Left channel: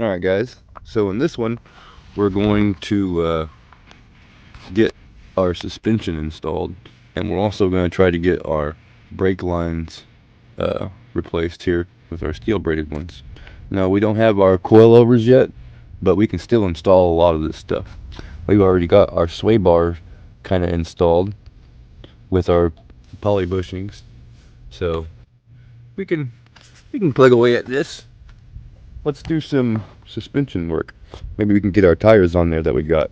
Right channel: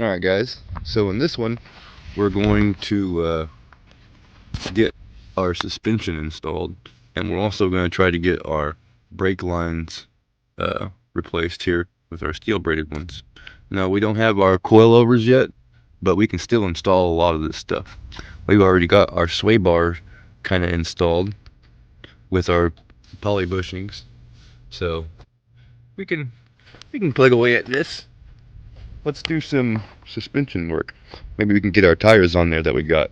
Alright guys, so in this one we're going to get our suspension installed, and we're also going to try to get our brake lines replaced here with our steel braided ones. Now we don't have our coilovers yet, but we can still install a lot of this stuff. We've already got our sway bar kind of installed with our poly bushings, so we can plug away at this. Let's do some suspension work. Maybe we can get our tires on there that we got.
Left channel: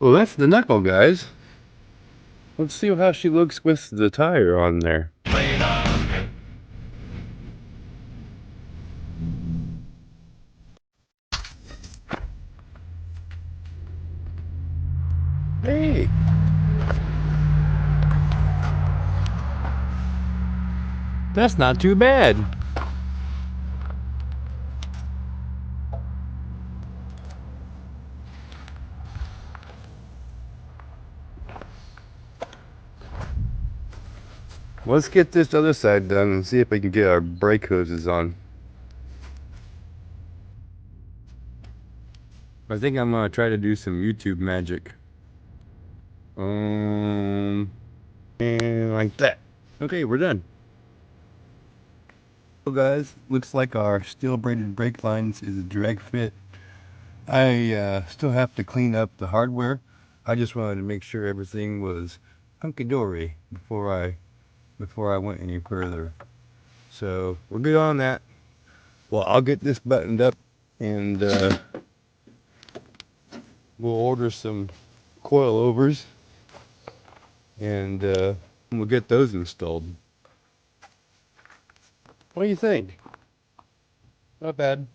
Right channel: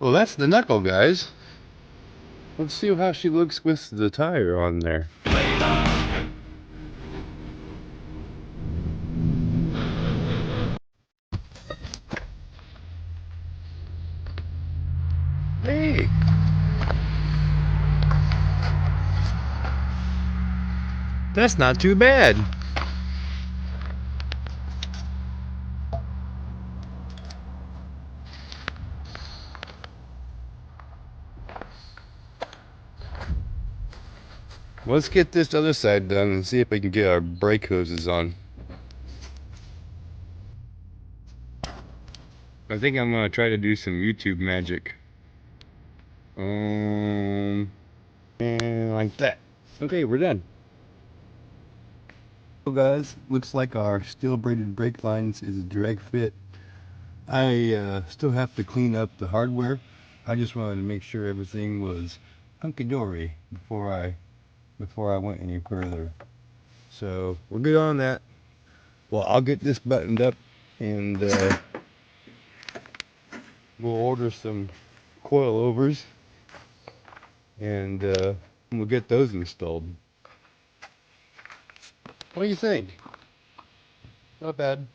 Well, that's the knuckle, guys. Let's see how she looks with the tire on there. Hey! That's not too bad. Let's get this other side done and see if we can get our brake hoses on. I think I'm gonna try to do some YouTube magic. And like that. Okay, we're done. So guys, looks like our steel braided brake lines is a direct fit. I still have to clean up the hardware. I just wanted to make sure everything was hunky-dory before I went any further. So we're good on that. Well, I'll get this buttoned up, and we'll order some coilovers, and we'll get those installed. What do you think? Not bad.